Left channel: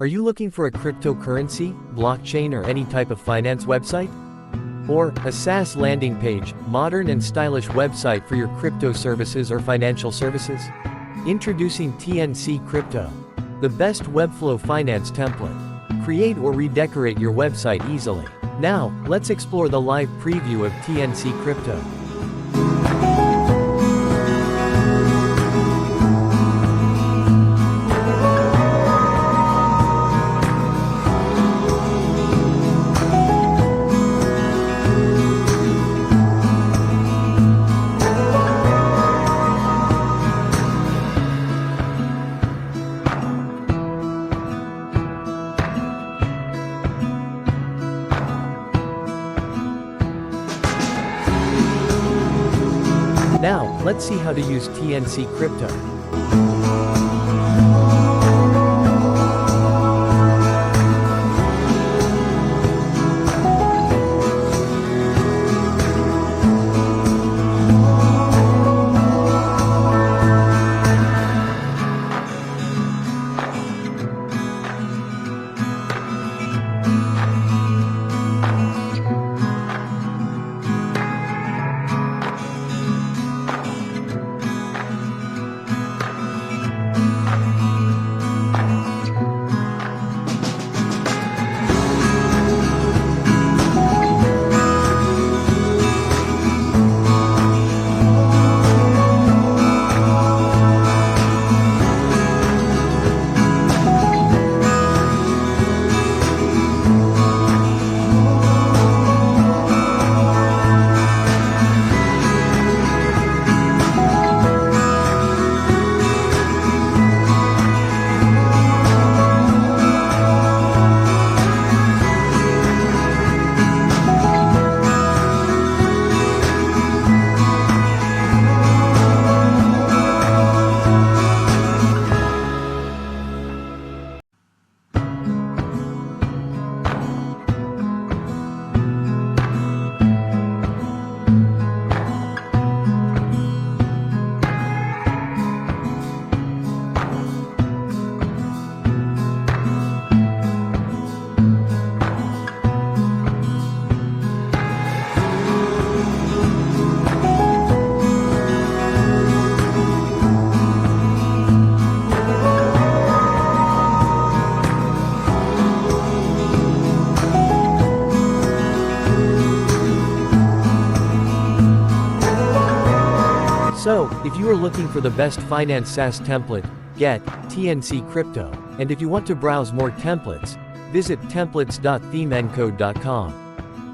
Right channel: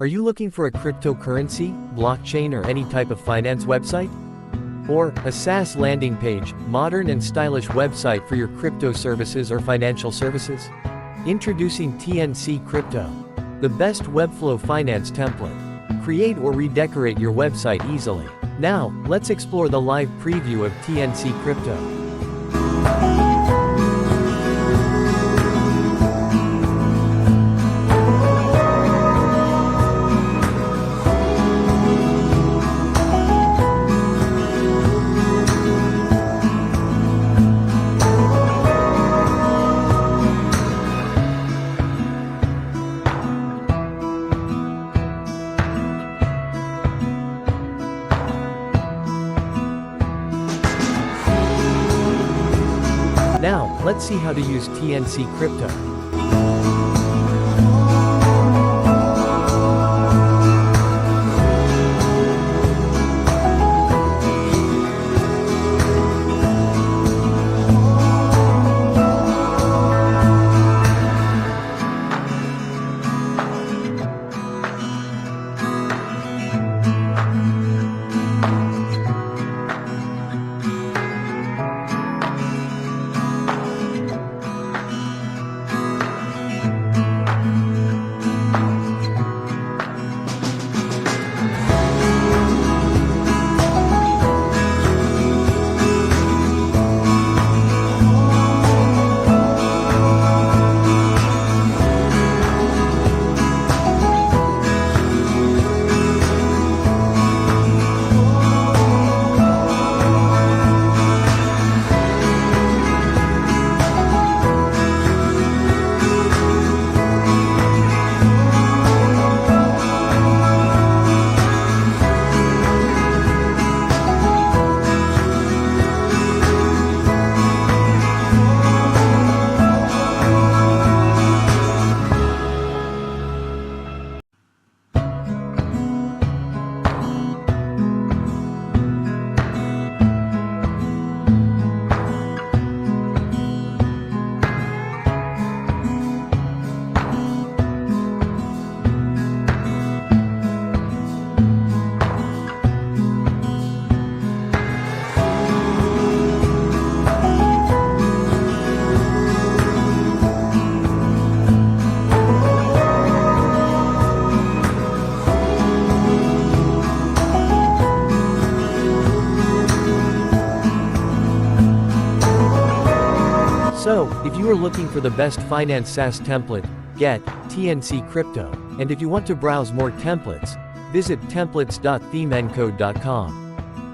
Are you looking for a cryptocurrency, blockchain, or any type of finance website? Or a SaaS landing page, modern and stylish website for your crypto services or financial services? Introducing TNC Crypto, the best Webflow finance template. Create or redecorate your website easily. Now, let's explore the live preview of TNC Crypto. Now, let's see how to use TNC Crypto. So, if you are looking for the best finance SaaS template, get TNC Crypto. And if you want to browse more templates, visit templates.themencode.com.